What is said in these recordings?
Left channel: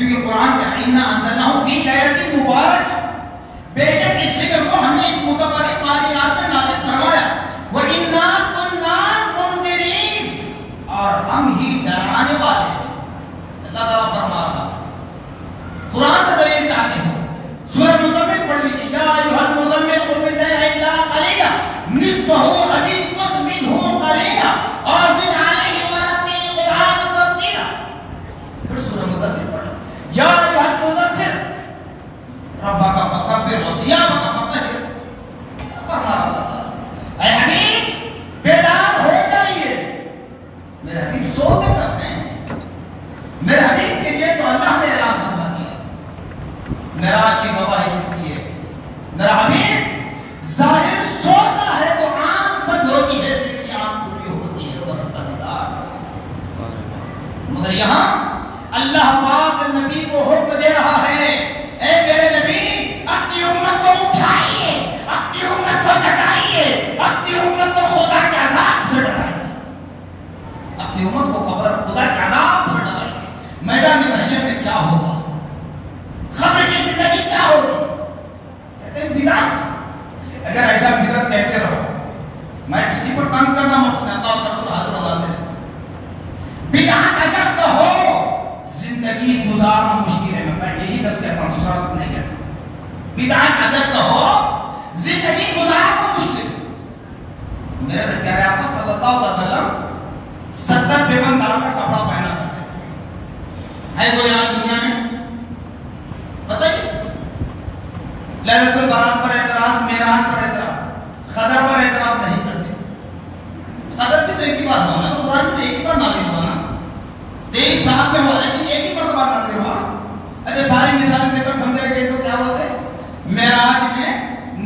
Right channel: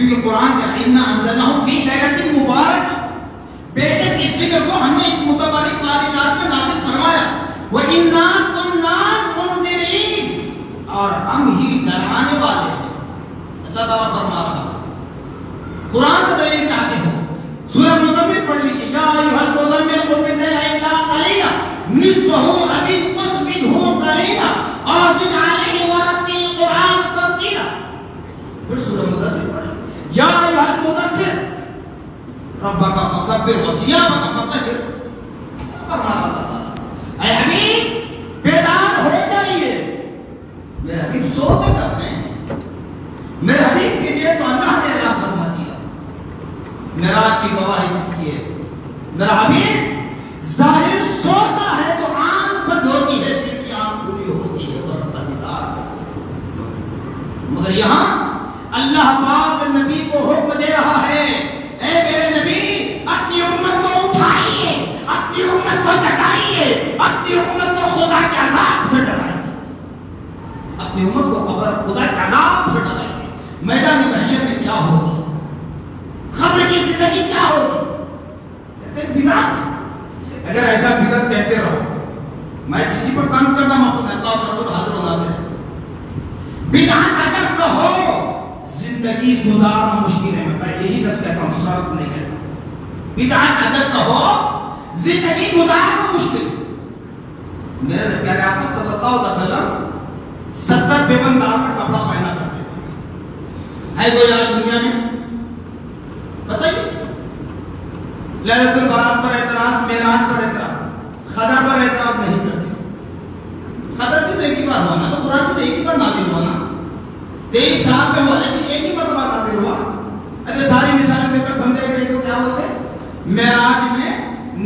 کیونکہ قرآن کا اِنَّا أَنزَلْنَاهُ فِي لَيْلَةٍ مُبَارَكَةٍ، بے شک اس ذکر کو ہم نے اس متبارک والی رات میں نازل فرمایا. وَإِنَّا كُنَّا مُنذِرِينَ، اور ہم ہی ڈرانے والے ہیں. اللہ تعالیٰ فرما رہا قرآن سے دلیل چاہتے ہو سورہ مزمل پڑھ لیجیے. یا ایھا المزمل قم الليل الا قليلا نصفه او انقص منه قليلا او زد عليه ورتل القرآن ترتیلا. پھر سورہ مدثر پڑھ لو. یا ایھا المدثر ربک فکبر وثیابک فطہر. فرما اللہ اے حبیب بیدار ہو جائیے. میرے حبیب سوتے کب ہیں؟ میرے حبیب کے لیے تو اللہ نے اعلان فرما دیا. معراج کی گواہی کس کی ہے؟ میرا حبیب ظاہر سوتا ہے تو آنکھ بند ہوتی ہے، دل کی آنکھ کھلی ہوتی ہے تو رب کا دیدار. مگر یہاں اللہ پاک نبی کو حکم دے رہا ہے اے میرے نبی اپنی امت کو اٹھائیے، اپنی امت کو جگائیے، اپنی امت کو خدا کے عذاب سے ڈرائیے، اپنی امت کو خدا کے عذاب سے ڈرائیے. میدان محشر میں کیا ہوگا؟ خبر کی زندگی کیا ہوگی؟ کہتے ہیں بدعت. اگر ایسا بدعت کہتے رہو، میں کسی پر طنز کرنا مقصد ہے، حاضر و ناظر. بدعت اگر کہو زندگی گزارنا مشکل ہے. میں یہی لفظ کہتا ہوں، دوسرا لفظ نہیں کہتا. بدعت اگر کہو زندگی گزارنا مشکل ہے. میرے پیارے آقا صلی اللہ علیہ وسلم 70 بیگمدار کا کپڑا پہنا کرتے تھے. ہے کوئی یہاں دنیا میں؟ بتائیے. لیلۃ البرات پر اعتراض، معراج پر اعتراض، خدر پر اعتراض نہیں کرتے. خدر بھی تو ایک ہی بار ہوا نا، تو قرآن بھی تو ایک ہی بار نازل ہوا نا. 23 سال میں ہوا لیکن ایک ہی مرتبہ نازل ہوا. اب یہ ساری مثالیں دے کر سمجھا گئے تو کیا بولتے ہیں؟ معراج میں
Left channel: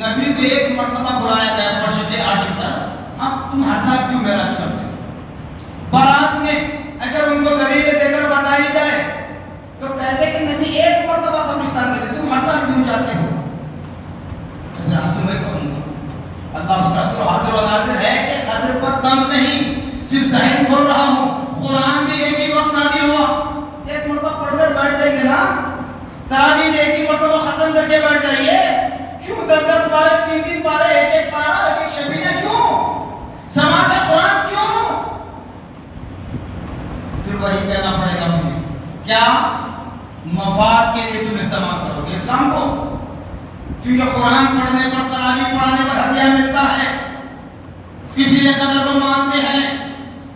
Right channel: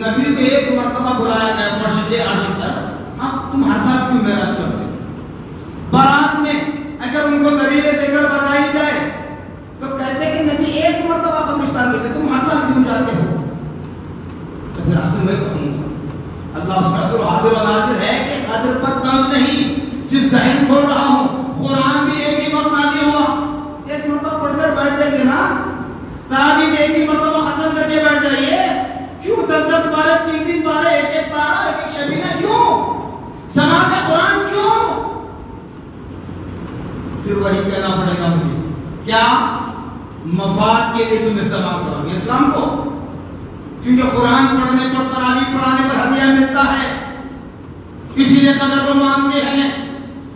نبی کو ایک مرتبہ بلایا گیا فرش سے عرش تک. ہاں تم ہر سال کیوں معراج کرتے؟ بارات میں اگر ان کو دلیلیں دے کر بتائی جائے تو کہتے کہ نبی ایک مرتبہ قبرستان گئے تھے، تم ہر سال کیوں جاتے ہو؟ تو پھر آپ سے میں کہوں گا اللہ اس کا رسول حاضر و ناظر ہے کہ قدر پر طنز نہیں، صرف ذہن کھول رہا ہوں. قرآن بھی ایک ہی وقت نازل ہوا، ایک مرتبہ پڑھ کر بیٹھ جائیے نا. تراویح بھی ایک ہی مرتبہ ختم کر کے بیٹھ جائیے. کیوں 10 پارے، 3 پارے، ایک پارا، ایک شبینہ کیوں؟ سماعت قرآن کیوں؟ پھر وہی کہنا پڑے گا مجھے کیا مفاد کے لیے تم استعمال کرو گے اسلام کو؟ کیونکہ قرآن پڑھنے پر، تراویح پڑھانے پر ہدیہ ملتا ہے، اسی لیے قدر کو مانتے ہیں.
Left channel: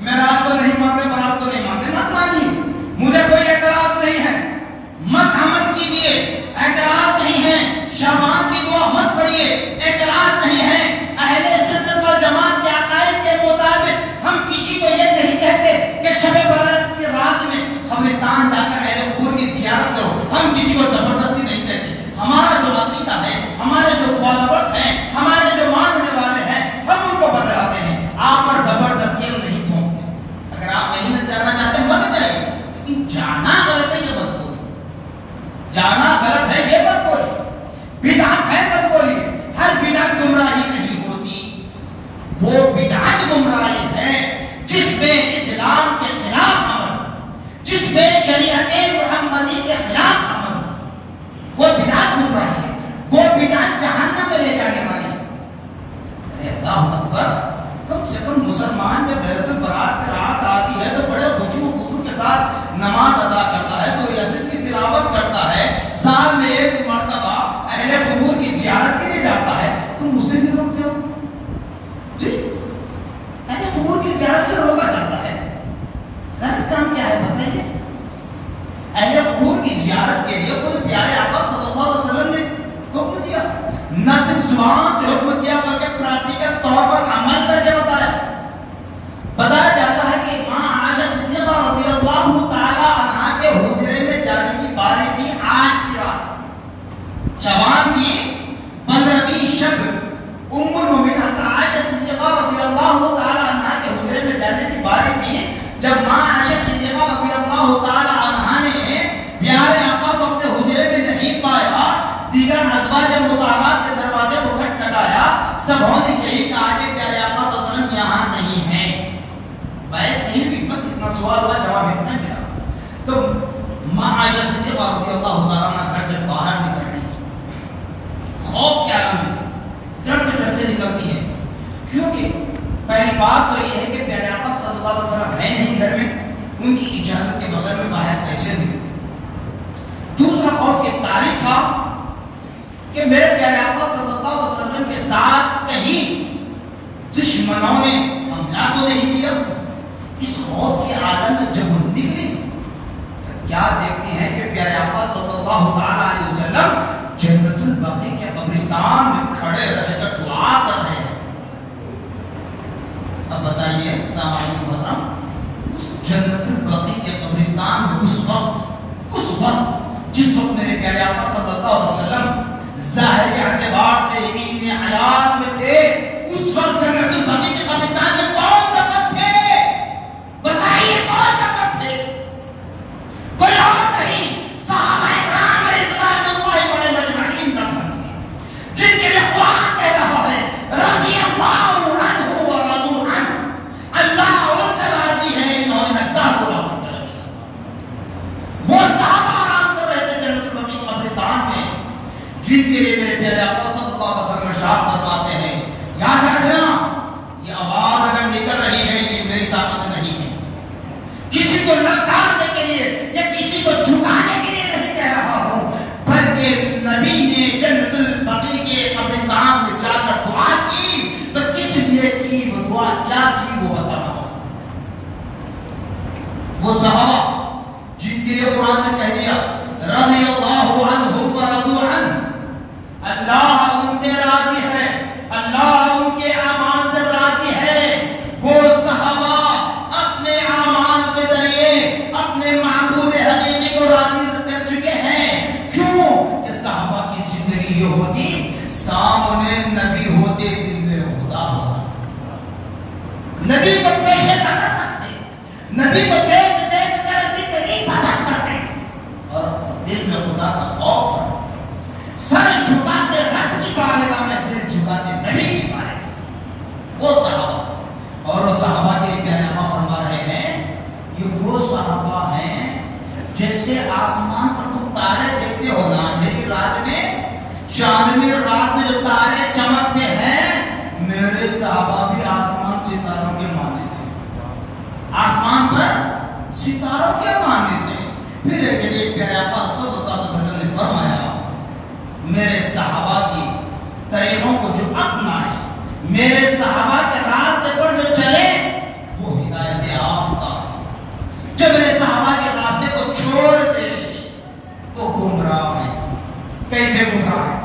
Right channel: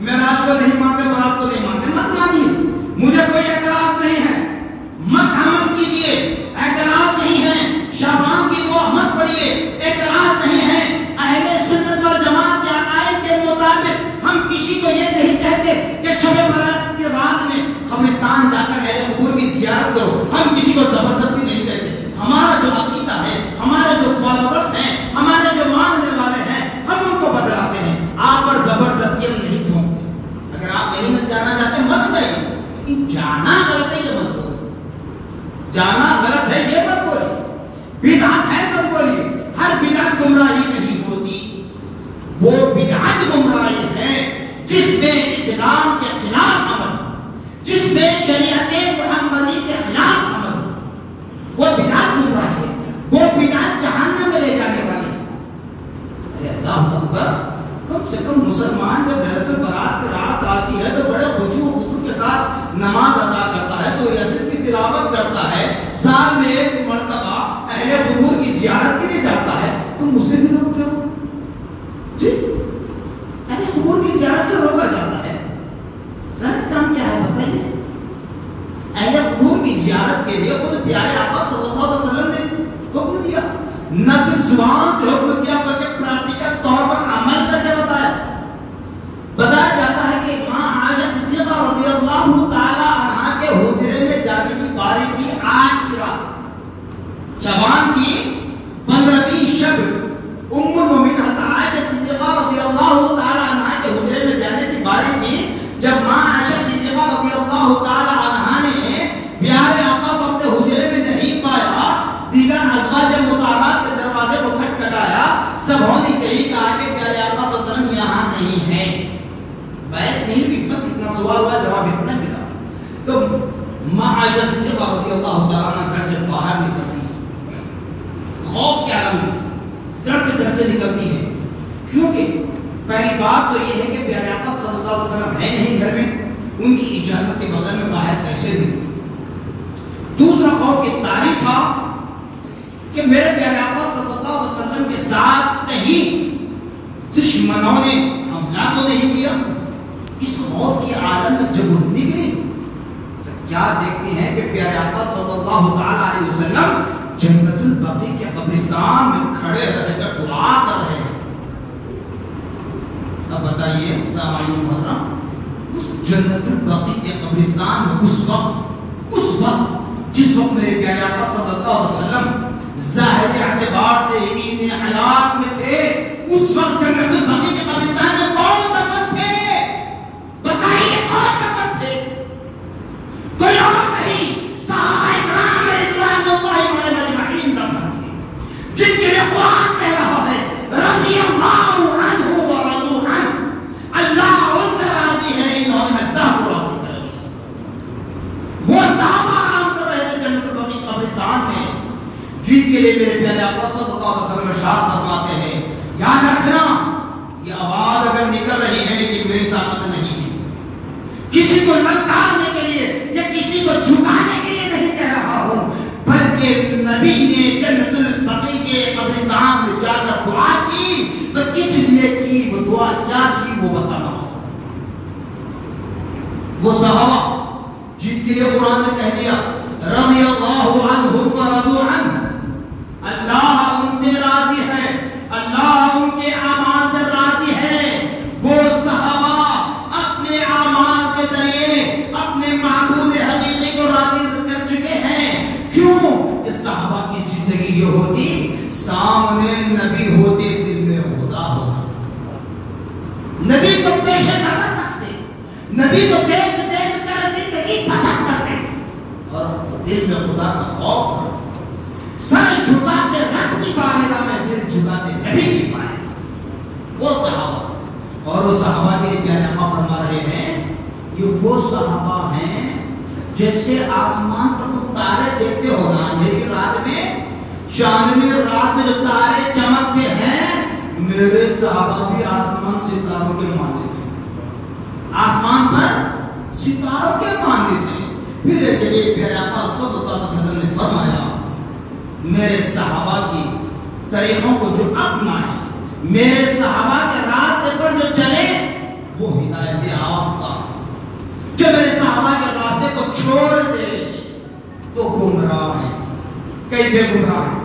معراج کو نہیں مانتے، برات کو نہیں مانتے. مت مانیے، مجھے کوئی اعتراض نہیں ہے. مت عمل کیجیے، اعتراض نہیں ہے. شعبان کی دعا مت پڑھیے، اعتراض نہیں ہے. اہل سنت والجماعت کے عقائد کے مطابق ہم کسی کو یہ نہیں کہتے کہ شب برات کی رات میں قبرستان جا کر اہل قبور کی زیارت کرو. ہم کسی کو زبردستی نہیں کہتے. ہمارا جو عقیدہ ہے، ہمارے جو فالوورز ہیں، ہمارے جو ماننے والے ہیں، ہم ان کو بتلاتے ہیں. آپ پر زبردستی ہم نہیں تھوپتے. اگر آپ نہیں مت جانا چاہتے مت جائیے، لیکن جانا غلط ہے یہ مت بولیے. جانا غلط ہے یہ مت بولیے. بدعت ہے مت بولیے. ہر بدعت گمراہی نہیں ہوتی. وہ بدعت گمراہی ہے جس میں اسلام کے خلاف عمل، جس میں شریعت محمدی کے خلاف عمل، وہ بدعت گمراہی ہے. وہ بدعت جہنم میں لے جانے والی ہے. ارے اللہ اکبر، کم سے کم مسلمان جب لیلۃ البرات کی رات آتی ہے تو بڑے خشوع و خضوع کے ساتھ نماز ادا کرتا ہے، سورہ یاسین کی تلاوت کرتا ہے، سال میں ایک مرتبہ اہل قبور کی زیارت کے لیے جاتا ہے. تم مجھ سے بھی روکتے ہو جی؟ اہل قبور کی زیارت سے روکا جاتا ہے، غلط کام کیا ہے بتائیے؟ اہل قبور کی زیارت کے لیے خود پیارے آقا صلی اللہ علیہ وسلم نے حکم دیا. نہ صرف زبان سے حکم دیا بلکہ پریکٹیکل طور پر عمل کر کے بتایا. بتایا جاتا ہے کہ ماں عائشہ صدیقہ رضی اللہ تعالی عنہا کے حجرے میں جانے کی باری تھی آج کی رات، شعبان کی 15ویں شب. ام المؤمنین حضرت عائشہ صدیقہ رضی اللہ تعالی عنہا کے حجرے میں جانے کی باری تھی جب ماں عائشہ صدیقہ رضی اللہ تعالی عنہا نے پیارے آقا کو اپنے حجرے میں نہیں پایا. دیگر ازواج مطہرات کے دروازے کو کھٹکھٹایا. سبھوں نے یہی کہا کہ پیارے آقا صلی اللہ علیہ وسلم یہاں نہیں ہیں. بیعت نہیں ہوئی، بس اتنا سوال ہوا، جواب اتنا ملا. تو معاذ صدیقہ رضی اللہ تعالیٰ عنہ گھر سے باہر نکل رہی ہے، خوف کے عالم میں ڈرتے ڈرتے نکلتی ہے، کیونکہ پہلی بات تو یہ ہے کہ پیارے آقا صلی اللہ علیہ وسلم ہے نہیں گھر میں، ان کی اجازت کے بغیر میں باہر کیسے نکلوں۔ دوسرا خوف یہ تاریخ تھا کہ میرے پیارے آقا صلی اللہ علیہ وسلم کے ساتھ کہیں دشمنوں نے حملہ تو نہیں کیا۔ اس خوف کے عالم میں جب وہ نکلی تو کیا دیکھتے ہیں کہ پیارے آقا صلی اللہ علیہ وسلم جنت البقیع کے قبرستان میں کھڑے رہ کر دعا کر رہے ہیں۔ اب بتائیے سامعین محترم، اس جنت البقیع کے قبرستان میں اس وقت جس وقت میرے پیارے آقا صلی اللہ علیہ وسلم ظاہری اعتبار سے یمین حیات میں تھے، اس وقت جنت البقیع کے قبرستان میں کون دفن تھے؟ بتائیے کون دفن تھے؟ کوئی اور نہیں، صحابہ کرام رضوان اللہ علیہم اجمعین دفن تھے، جن کے لیے قرآن کہہ رہا ہے رضی اللہ عنہ ورضوا عنہ، اللہ ان سے راضی ہے، انہوں نے اللہ کو راضی کر لیا۔ وہ صحابہ آرام کر رہے تھے جنت البقیع قبرستان میں، جن کے لیے میرے پیارے آقا صلی اللہ علیہ وسلم ارشاد فرماتے ہیں، یاد رکھنا یہ آواز اگر نکل رہی ہے یہ میری طاقت نہیں ہے، کسی کو للکارنے کے لیے یا کسی کو جھکانے کے لیے نہیں کہہ رہا ہوں، بلکہ نبی نے جنت البقیع کے قبرستان میں جا کر دعا کی تو کس لیے کی، وہ دعا کیا تھی وہ بتانا ہو سکتا۔ وہ صحابہ جن کے لیے قرآن نے کہہ دیا رضی اللہ عنہم ورضوا عنہ، اللہ ان سے راضی ہے، اللہ ان کے اعمال سے راضی ہے۔ وہ صحابہ اپنے اعمال کے ذریعے اپنے معبود حقیقی کو راضی کر چکے ہیں۔ کیوں کہ صحابہ کی زندگی یہ ہوتی، سامنے نبی ہوتے دل میں خدا ہوتا، نبی کو پیش نظر رکھتے، نبی کو دیکھ دیکھ کر زندگی پسند کرتے اور دل میں خدا کا خوف رکھتے، سر جھکاتے رب کی بارگاہ میں، دل جھکاتے نبی کی بارگاہ۔ وہ صحابہ، اور وہ صحابہ کے لیے پیارے آقا فرما رہے ہیں یہ وہ صحابہ ہیں جیسے آسمان پر تم تارے دیکھتے ہو نا اندھیری رات میں، چاندنی رات میں جو تارے چمکتے ہیں، میرے صحابہ بھی آسمان ستاروں کے مانند ہیں، آسمان پر ستاروں کے مانند ہیں۔ پھر جلیل پیارے آقا صلی اللہ علیہ وسلم نے فرمایا میرے صحابہ کی طریقوں کو جو اپنائے، میرے صحابہ کے راستے پر جو چلے وہ ہدایت یافتہ ہے، جو میرے صحابہ کے راستے کو چھوڑ دے وہ گمراہ ہے۔ کیسے گمراہ ہے؟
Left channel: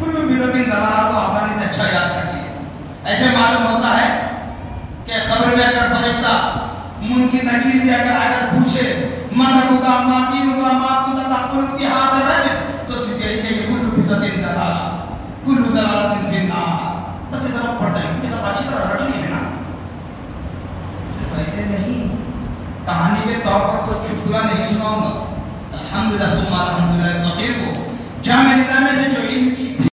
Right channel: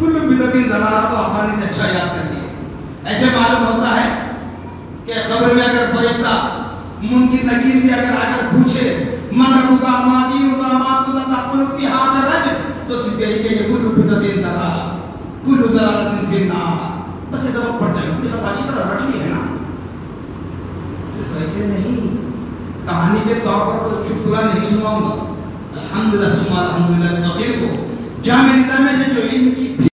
کل بدعت ضلالہ تو آسانی سے اچھا یاد کر دیا، ایسے معلوم ہوتا ہے کہ قبر میں اگر فرشتہ منکر نکیر بھی اگر پوچھے من ربک ما دینک ما کنت تقول فی ھذا الرجل، تو صرف یہی کہ کل بدعت ضلالہ کل ضلالۃ فی النار، بس یہ سبق پڑھتا ہے، یہ سب اچھی طرح رٹ لی ہے نا۔ صرف ایسے نہیں، کہانی کے طور پر کوئی چٹکلا نہیں سناؤں گا، الحمدللہ ثم الحمدللہ صغیر کو جامع نظام سے جو علم